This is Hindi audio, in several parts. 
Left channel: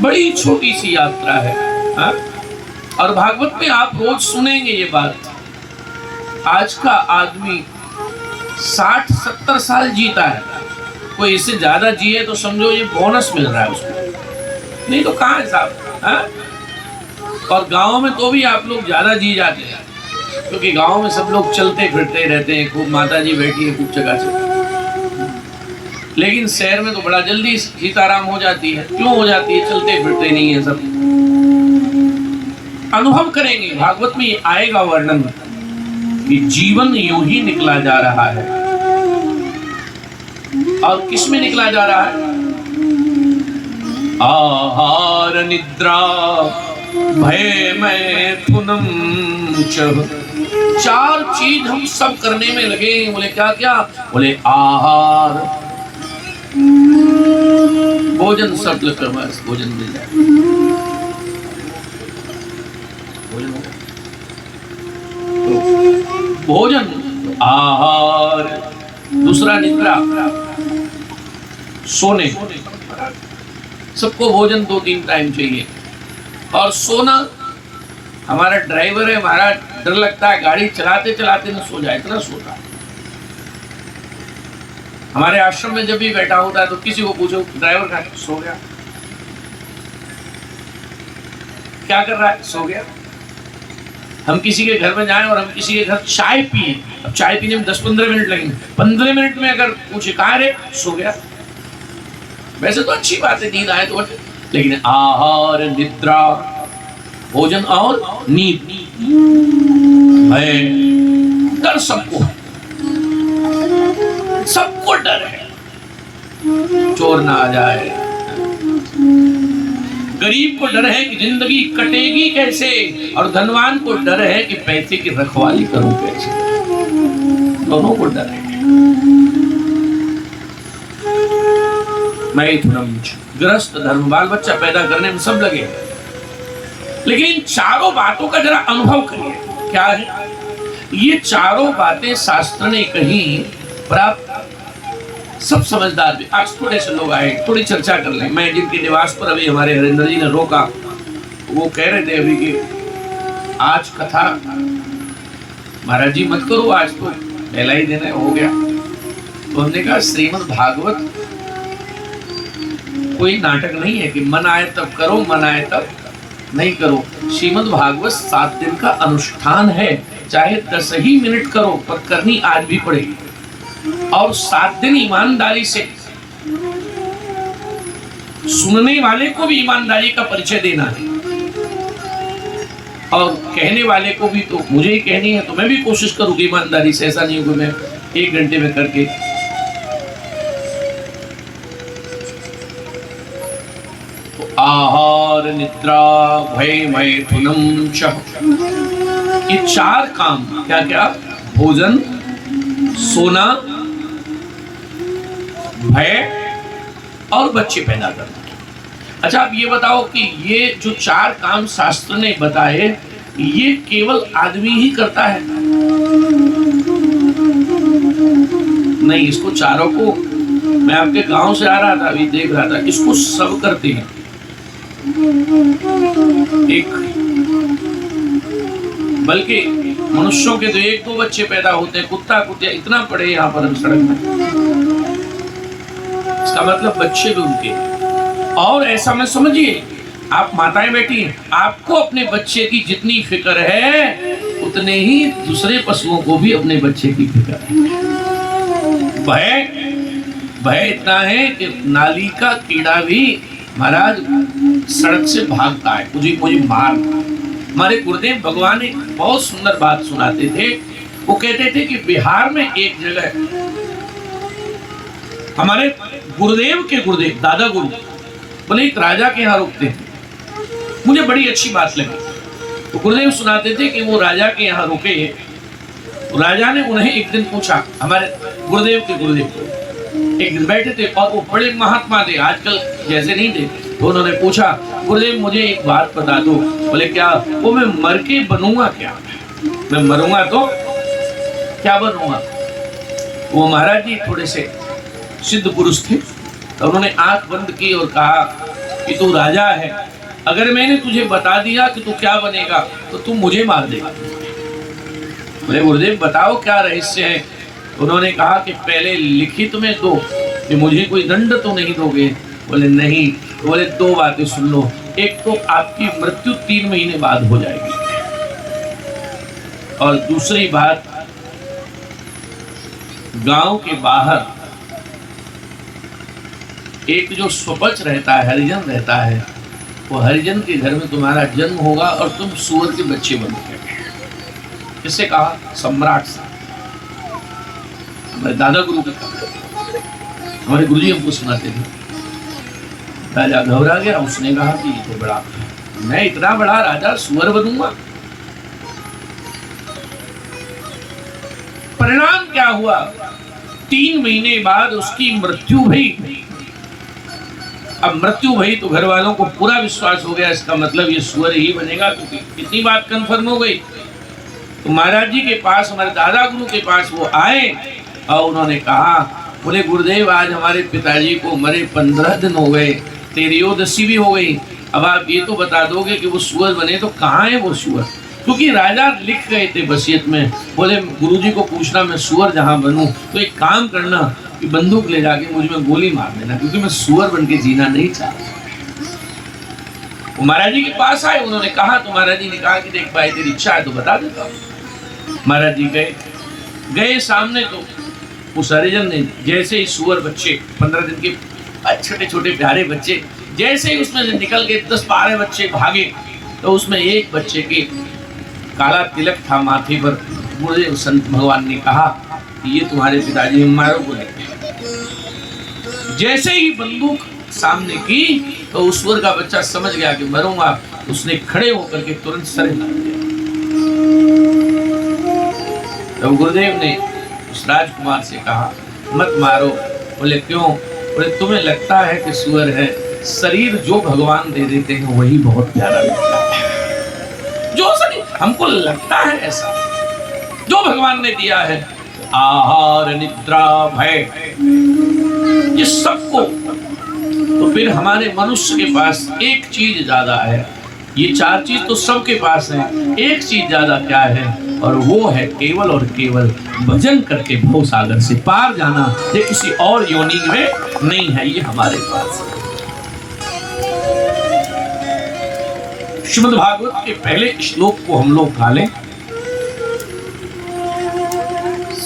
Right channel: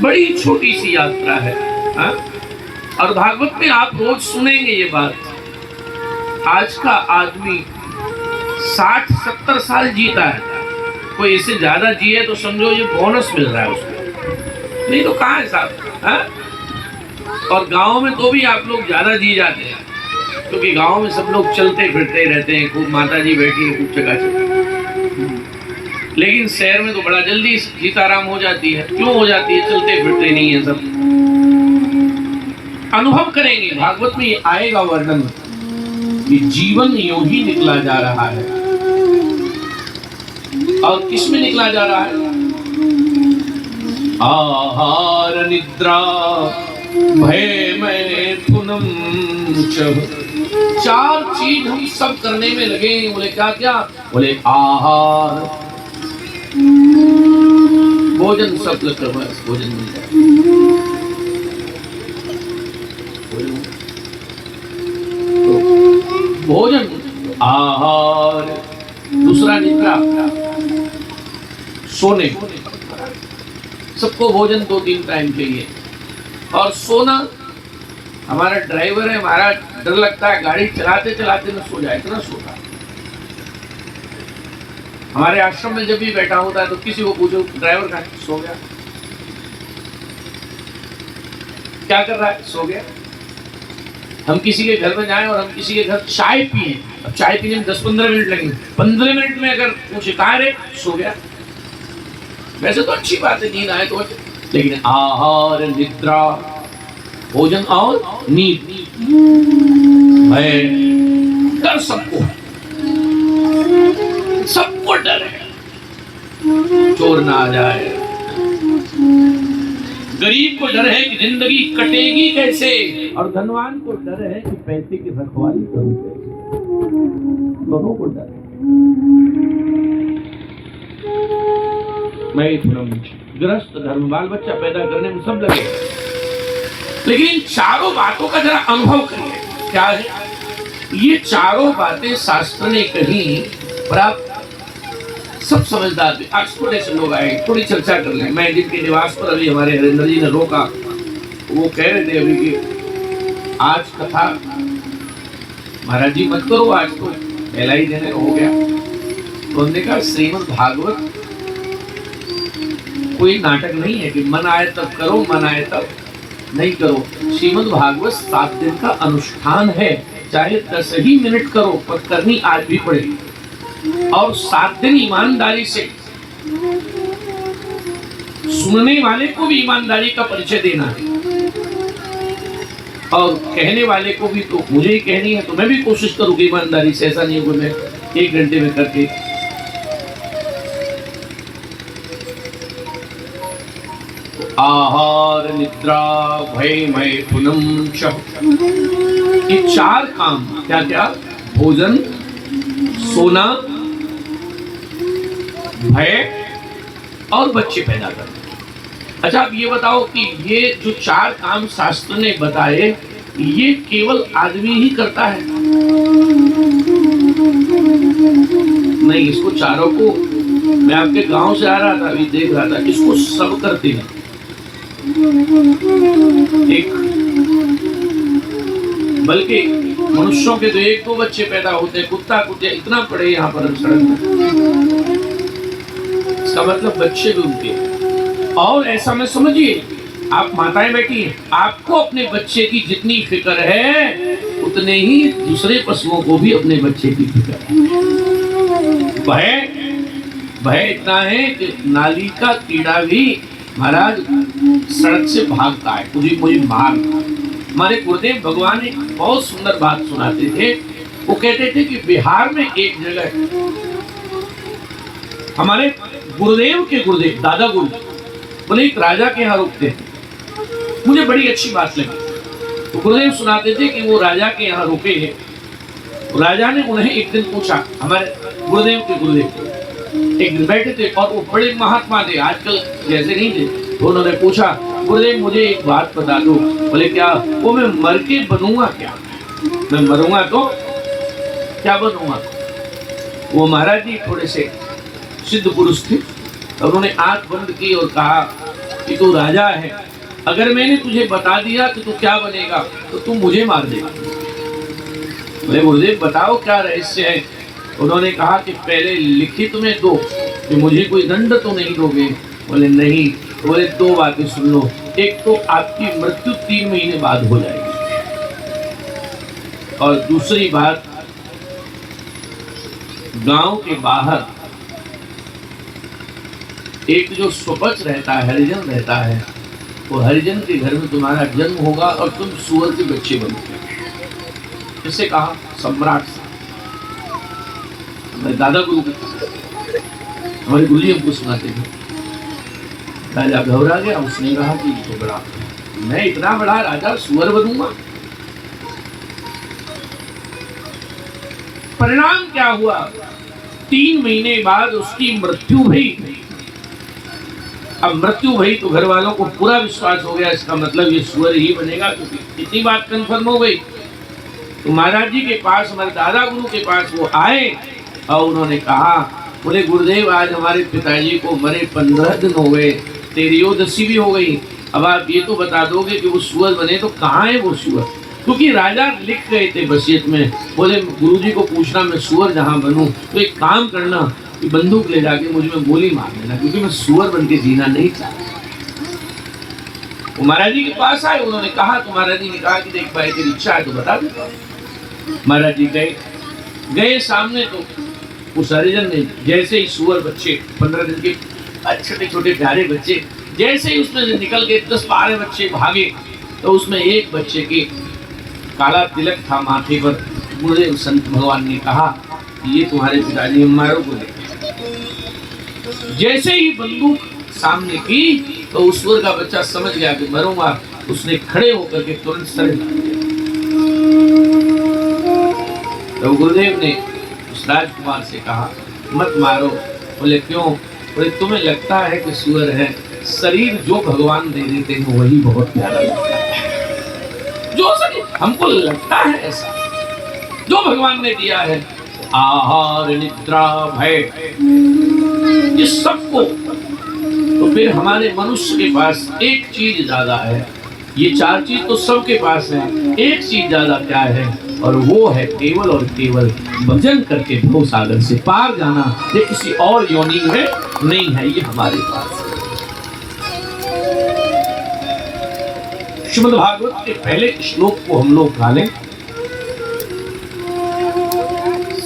बड़ी छोटी सी यात्रा है। हा? और भागवत में आप रोज सुनेंगे ये बात। आज का आदमी 60-70 साल जीता है, कोई इससे ज्यादा जिए तो समझो ये बोनस मिल रहा है उसको, नहीं तो कहाँ है साहब। और गांव में तो भी आप लोग ज्यादा जी जाते हैं, क्योंकि गांव में सब लोग चलते फिरते रहते हैं, खूब माता जी बैठी है खूब जगह से। लेकिन शहर में तो बड़ा जल्दी सीताराम हो जाती है। क्यों हो जाती है? चलते फिरते नहीं है सब। अनुभव करेंगे, भागवत में ये आएगा वर्णन कि जीवन यूं ही निकला जा रहा है। और किस में निकला जा रहा है? आहार निद्रा भय मैथुनम च। 4 चीज हम सब करने में लगे। बोले क्या क्या? बोले आहार, भोजन सब कर, बस भोजन मिल जाए। तो भोजन, आहार, दूसरा निद्रा, सोने। सबको भोजन 2-3 टाइम चाहिए। और सोना, हमारा ड्राइवर है, हमारा डर लगता है गाड़ी चलाते चलाते न सो जाए, इतना सोता है। हमारे आश्रम में जब भी बैठा होता है तो किसी को पूछो ड्राइवर कहाँ है? सो गया। क्या कर रहा है? सो गया। हम किसी के घर में जाएं और हम किसी के घर चाय पिए, अब चाय पीने में 10-15 मिनट लगेंगे, 15 मिनट में अगर पूछे कहाँ रे? सो गया। वैसे तो अच्छी बात है, नींद आए तो, लेकिन आहार निद्रा, भोजन और नींद, डर सबको डर है। चोर ना आ जाए, गरीब को डर है कि जिंदगी कटेगी कैसे, और धनवान को डर है कि पैसे की रखवाली करूं कैसे। दोनों को डर है। गृहस्थ धर्म, बाल बच्चा पैदा करने में सब लगे, लेकिन चारों बातों का जरा अनुभव करिए। क्या है ये चारों बातें? शास्त्र ने कही, पर आप सब समझदार भी। आज थोड़े से लोग आए, थोड़ी चर्चा कर लें। मैं जिनके निवास पर अभी हमारे हरिंद्र जी ने रोका, वो कह रहे थे अभी कि आज कथा महाराज जी मत करो, आज तो पहला ही दिन हो गया। तो हमने कहा श्रीमद् भागवत कोई नाटक नहीं है कि मन आए तब करो, मन आए तब नहीं करो। श्रीमद् भागवत 7 दिन का अनुष्ठान है, चाहे 10 ही मिनट करो, पर करनी आज भी पड़ेगी। और 7 दिन ईमानदारी से, सुनने वाले को भी ईमानदारी का परिचय देना है, और कहने वाले को भी। तो मुझे ही कहनी है तो मैं भी कोशिश करूंगी ईमानदारी से, ऐसा नहीं कि मैं 1 घंटे में करके। तो आहार निद्रा भय मैथुनम च, ये 4 काम क्या क्या? भोजन, सोना, भय और बच्चे पैदा करना। अच्छा आप ये बताओ कि ये जो 4 काम शास्त्र ने बताए, ये केवल आदमी ही करता है? नहीं, इसको चारों को, मैं आपके गांव से आ रहा था, अभी देख रहा था, इसको सब करते हैं। एक बल्कि मनुष्यों के तो 1-2 बच्चे पैदा होते हैं, कुत्ता कुतिया इतना पड़े यहाँ पर सड़क में, इसका मतलब बच्चे भी उनके। और ऐसा में समझिए, आप माताएं बैठी हैं, आपको अपने बच्चे की जितनी फिक्र है उतने ही दूसरे पशुओं को भी अपने बच्चे की फिक्र है। भय इतना है कि नाली का कीड़ा भी महाराज सड़क से भागता है, मुझे मार। हमारे गुरुदेव भगवान एक बहुत सुंदर बात सुनाते थे। वो कहते थे कि बिहार में एक जगह, हमारे गुरुदेव के गुरुदेव दादा गुरु बोले एक राजा के यहाँ रुकते थे। मुझे बड़ी अच्छी बात लगी। तो गुरुदेव सुनाते थे कि वो राजा के यहाँ रुके, तो राजा ने उन्हें एक दिन पूछा, हमारे गुरुदेव के गुरुदेव एक दिन बैठे थे और वो बड़े महात्मा थे, आजकल जैसे नहीं थे। तो उन्होंने पूछा, गुरुदेव मुझे एक बात बता दो। बोले क्या? वो मैं मर के बनूंगा क्या? मैं मरूंगा तो क्या बनूंगा? वो महाराज जी थोड़े से सिद्ध पुरुष थे, उन्होंने आंख बंद की और कहा, कि तू राजा है, अगर मैंने तुझे बता दिया कि तू क्या बनेगा तो तू मुझे मार देगा। बोले गुरुदेव बताओ क्या रहस्य है। उन्होंने कहा कि पहले लिखित में दो कि मुझे कोई दंड तो नहीं दोगे। बोले नहीं। बोले दो बातें सुन लो, एक तो आपकी मृत्यु 3 महीने बाद हो जाएगी, और दूसरी बात गांव के बाहर एक जो स्वपच रहता है, हरिजन रहता है, वो हरिजन के घर में तुम्हारा जन्म होगा और तुम सूअर के बच्चे बनोगे। किससे कहा? सम्राट से। हमारे दादा गुरु को, हमारे गुरु जी हमको सुनाते थे। राजा घबरा गया, उसने कहा कि ये तो बड़ा, मैं इतना बड़ा राजा सूअर बनूंगा। परिणाम क्या हुआ? 3 महीने बाद उसकी मृत्यु हुई। अब मृत्यु भई तो घर वालों को पूरा विश्वास हो गया, इसका मतलब ये सूअर ही बनेगा, क्योंकि इतनी बात कंफर्म हो गई। तो महाराज जी के पास, हमारे दादा गुरु के पास वो आए और उन्होंने कहा, बोले गुरुदेव आज हमारे पिताजी को मरे 15 दिन हो गए, तेरयोदशी भी हो गई, अब आप ये तो बता दोगे कि वो सूअर बने तो कहाँ है वो सूअर? क्योंकि राजा लिख गए थे वसीयत में, बोले गुरुजी को पूछना मैं सूअर जहाँ बनूं तो एक काम करना कि बंदूक ले जाके मुझ में गोली मार देना, क्योंकि मैं सूअर बन के जीना नहीं चाहता। वो महाराज जी के पास आए, उन्होंने कहा तो महाराज जी ने कहा कि देख भाई तेरी इच्छा है तो बता देता हूँ। महाराज जी गए सामने, तो उस हरिजन ने जैसे ही सूअर बच्चे 15 दिन के छोटे छोटे प्यारे बच्चे जैसे ही उसमें से निकल के 10-12 बच्चे भागे, तो उसमें एक बच्चे के काला तिलक था माथे पर। गुरुदेव संत भगवान ने कहा कि ये तुम्हारे पिताजी मारो को। जैसे ही बंदूक सामने की तो उस सूअर का बच्चा समझ गया कि मरूंगा, उसने खड़े होकर के तुरंत सर हिला दिया। तो गुरुदेव ने उस राजकुमार से कहा मत मारो। बोले क्यों? बोले तुम्हें लगता है कि सूअर है, शरीर जो भगवान दे देते हैं वही बहुत प्यारा लगता है। जो शरीर हमको लगता है ऐसा, जो भगवान ने दिया है, आहार निद्रा भय, ये सबको। तो फिर हमारे मनुष्य के पास एक चीज ज्यादा है, ये 4 चीज तो सबके पास है, एक चीज ज्यादा क्या है? और वो है केवल और केवल भजन करके भव सागर से पार जाना। ये किसी और योनि में नहीं है, ये हमारे पास है। श्रीमद् भागवत के पहले श्लोक को हम लोग गा लें।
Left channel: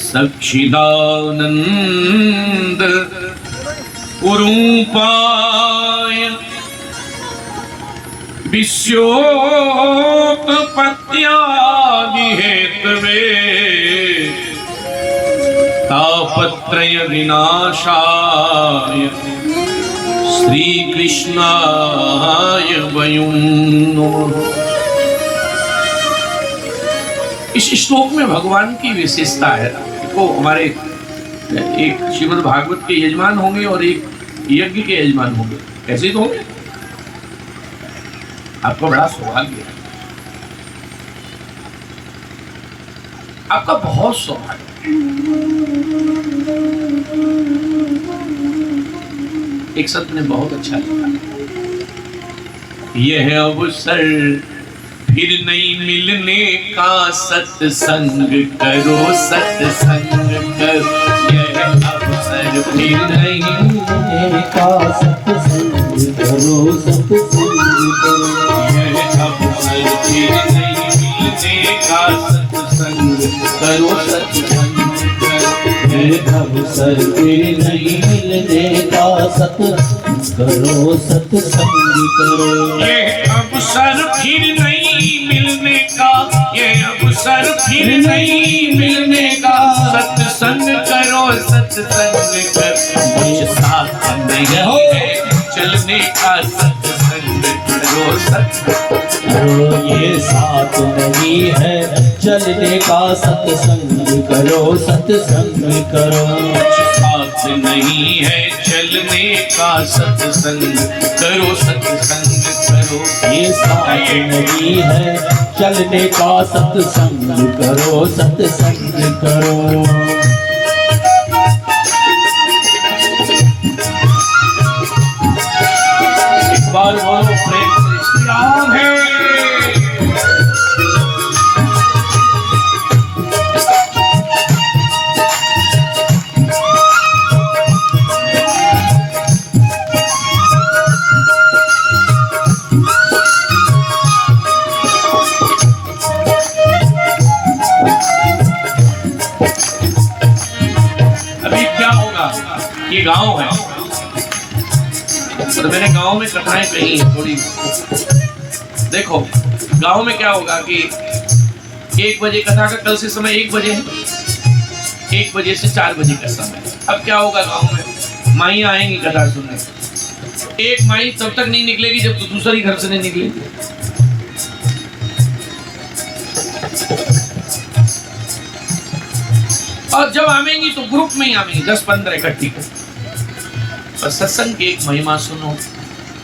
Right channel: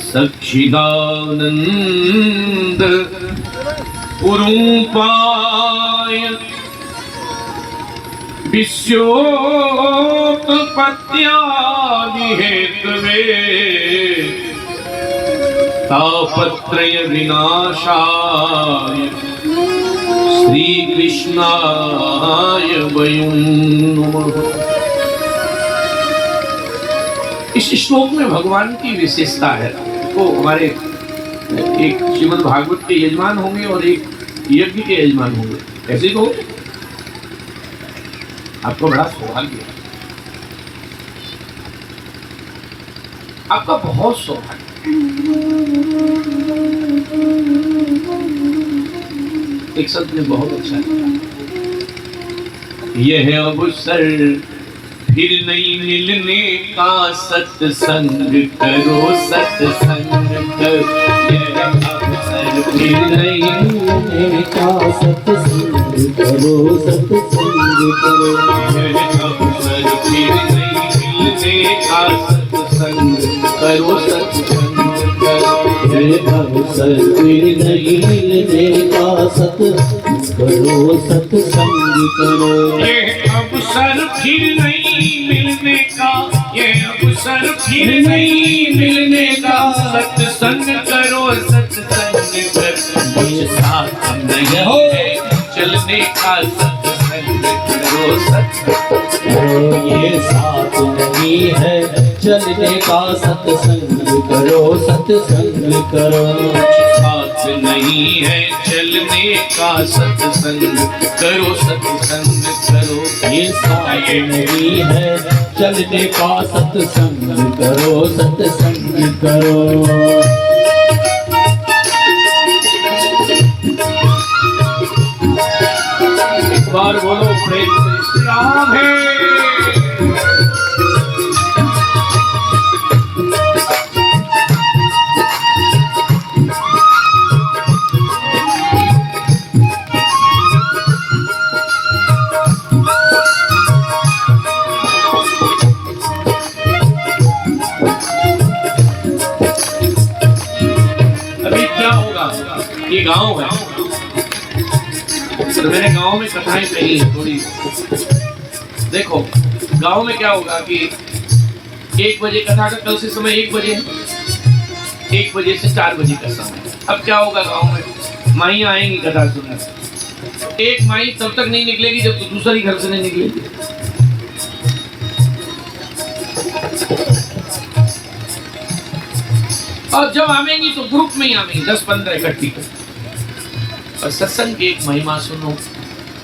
सच्चिदानंद उरूपाय विश्वोत्पत्त्यादिहेतवे तापत्रय विनाशाय श्री कृष्णाय वयं नमः। इस श्लोक में भगवान की विशेषता है। तो हमारे एक श्रीमद् भागवत के यजमान होंगे और एक यज्ञ के यजमान होंगे, कैसे तो आपका बड़ा सौभाग्य है, आपका बहुत सौभाग्य। एक संत ने बहुत अच्छा लिखा, यह अवसर फिर नहीं मिलने का, सत्संग करो सत्संग करो। यह अवसर फिर नहीं मिलने का, सत्संग करो सत्संग करो। यह अवसर फिर नहीं मिलने का, सत्संग करो सत्संग करो। यह अवसर फिर नहीं मिलने का, सत्संग करो सत्संग करो। यह अवसर फिर नहीं मिलने का, ये अवसर फिर नहीं मिलने का, सत्संग करो सत्संग करो। ये साथ में है चलने का, सत्संग करो सत्संग करो। ये साथ नहीं है चलने का, सत्संग करो सत्संग करो। साथ नहीं है चलने का, सत्संग करो सत्संग करो। ये साथ नहीं है चलने का, सत्संग करो सत्संग करो। बार बोलो प्रेम से श्री राम है। अभी क्या होगा, ये गांव है, तो मैंने गांव में कथाएं कही है थोड़ी। देखो गांव में क्या होगा कि 1 बजे कथा का कल से समय 1 बजे है, 1 बजे से 4 बजे का समय। अब क्या होगा गांव में, माइयां आएंगी कथा सुनने। एक माई तब तक नहीं निकलेगी जब तो दूसरी घर से नहीं निकलेगी। और जब आवेंगी तो ग्रुप में ही आवेंगी, 10-15 इकट्ठी कर। और सत्संग की एक महिमा सुनो,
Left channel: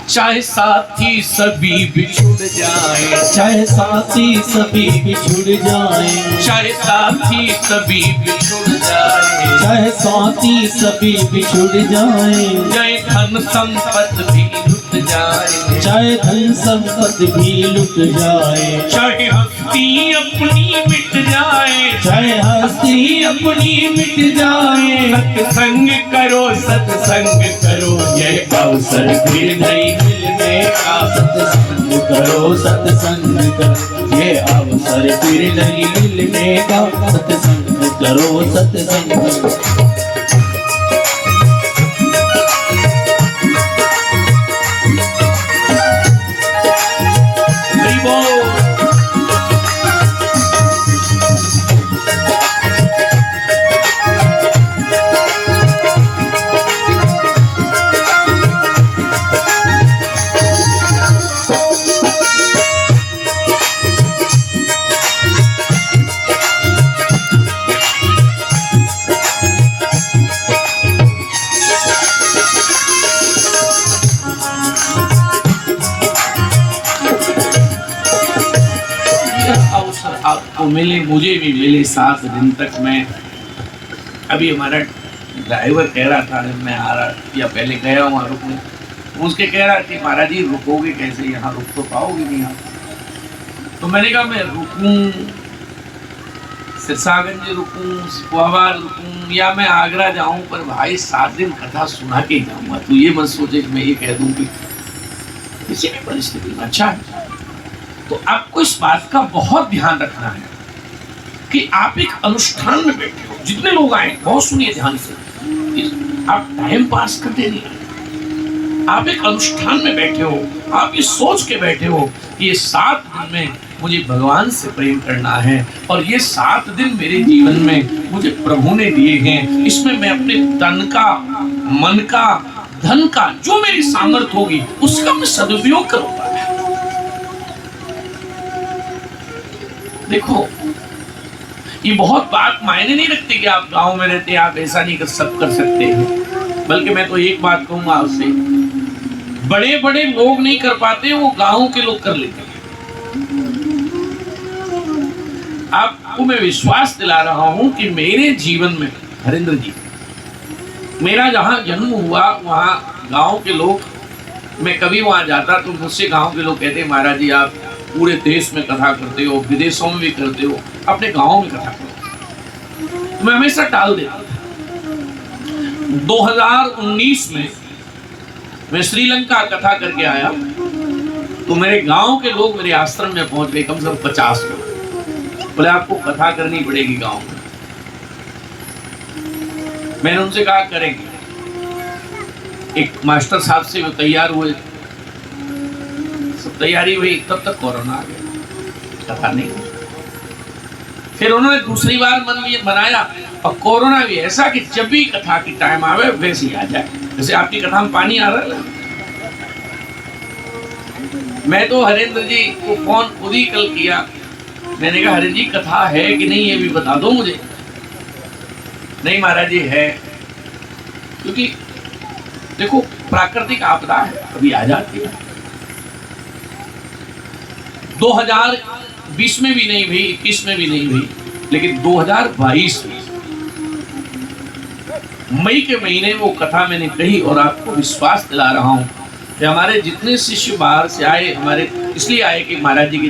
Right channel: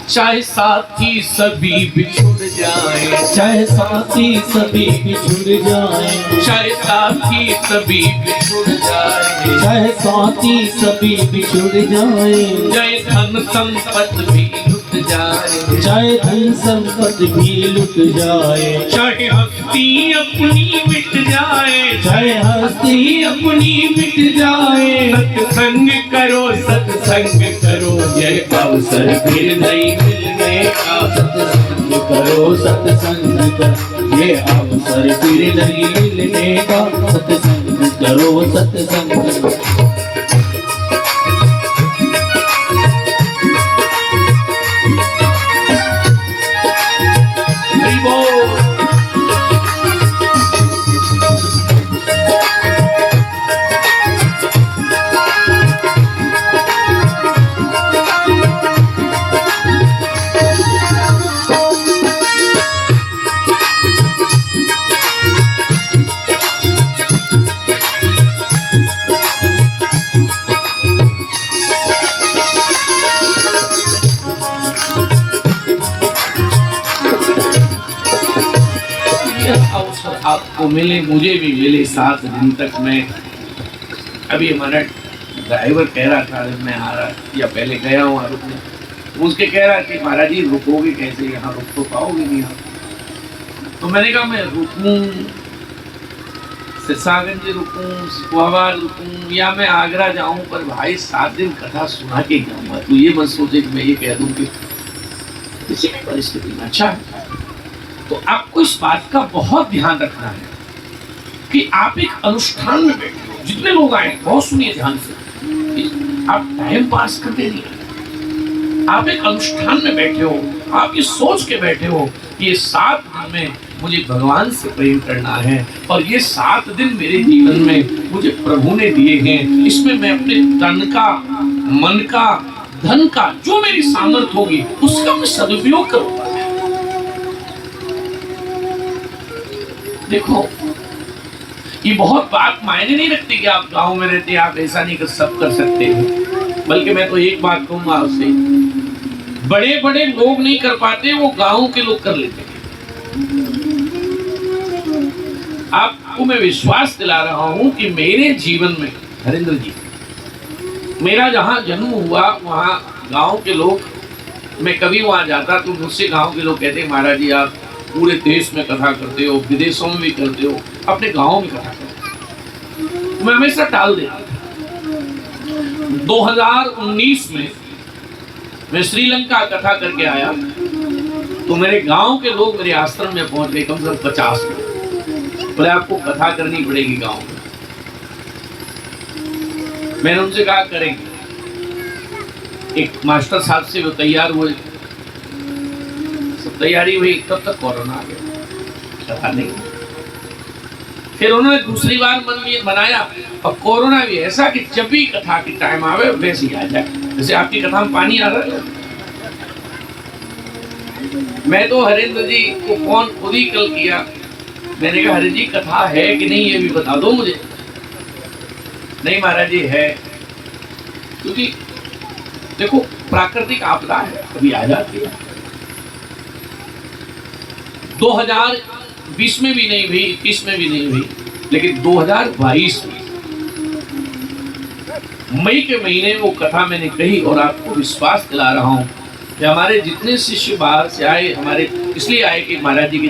चाहे साथी सभी बिछुड़ जाए, चाहे साथी सभी बिछुड़ जाए, चाहे साथी सभी बिछुड़ जाए, चाहे साथी सभी बिछुड़ जाए, चाहे धन संपत्ति भी लुट जाए, चाहे धन संपत्ति भी लुट जाए, चाहे हस्ती अपनी मिट जाए, चाहे हस्ती अपनी मिट जाए, सत्संग करो सत्संग करो, यह अवसर फिर नहीं मिलने का। सत्संग करो सत्संग करो, ये अवसर फिर नहीं मिलने का। सत्संग करो सत्संग करो। आपको मिले, मुझे भी मिले 7 दिन तक। मैं अभी हमारा ड्राइवर कह रहा था मैं आ रहा या पहले गया हूँ रुकने, मुझसे कह रहा कि महाराज जी रुकोगे कैसे, यहाँ रुक तो पाओगे नहीं आप। तो मैंने कहा मैं रुकूं सिरसागंज रुकूं, कुआबार रुकूं या मैं आगरा जाऊं, पर भाई 7 दिन कथा सुना के जाऊंगा। तो ये मत सोचे कि मैं ये कह दूं कि किसी भी परिस्थिति में अच्छा है। तो आपको इस बात का बहुत ध्यान रखना है कि आप एक अनुष्ठान में बैठे हो। जितने लोग आए बहुत सुनिए ध्यान से, आप टाइम पास करते नहीं आए, आप एक अनुष्ठान में बैठे हो। आप ये सोच के बैठे हो कि ये 7 दिन में मुझे भगवान से प्रेम करना है और ये 7 दिन मेरे जीवन में मुझे प्रभु ने दिए हैं। इसमें मैं अपने तन का, मन का, धन का, जो मेरी सामर्थ्य होगी उसका मैं सदुपयोग करूंगा। देखो ये बहुत बात मायने नहीं रखती कि आप गांव में रहते हैं, आप ऐसा नहीं कर सकते हैं। बल्कि मैं तो एक बात कहूंगा आपसे, बड़े बड़े लोग नहीं कर पाते, वो गांव के लोग कर लेते हैं। आपको मैं विश्वास दिला रहा हूं कि मेरे जीवन में हरेंद्र जी, मेरा जहां जन्म हुआ वहां गांव के लोग, मैं कभी वहां जाता तो मुझसे गांव के लोग कहते महाराज जी आप पूरे देश में कथा करते हो, विदेशों में भी करते हो, अपने गांव में कथा करते हो। मैं हमेशा टाल देता था। 2019 में मैं श्रीलंका कथा करके आया तो मेरे गांव के लोग मेरे आश्रम में पहुंच गए, कम से कम 50 लोग। बोले आपको कथा करनी पड़ेगी गांव में। मैंने उनसे कहा करेंगे। एक मास्टर साहब से वो तैयार हुए, सब तैयारी हुई, तब तक कोरोना आ गया, कथा नहीं। फिर उन्होंने दूसरी बार मन में बनाया और कोरोना भी ऐसा कि जब भी कथा की टाइम आवे वैसे ही आ जाए, जैसे आपकी कथा में पानी आ रहा है। मैं तो हरेंद्र जी को फोन खुद ही कल किया, मैंने कहा हरेंद्र जी कथा है कि नहीं ये भी बता दो मुझे। नहीं महाराज जी है, क्योंकि देखो प्राकृतिक आपदा है, कभी आ जाती है। 2020 में भी नहीं हुई, 21 में भी नहीं हुई, लेकिन 2022 में मई के महीने वो कथा मैंने कही और आपको विश्वास दिला रहा हूं कि हमारे जितने शिष्य बाहर से आए, हमारे इसलिए आए कि महाराज जी की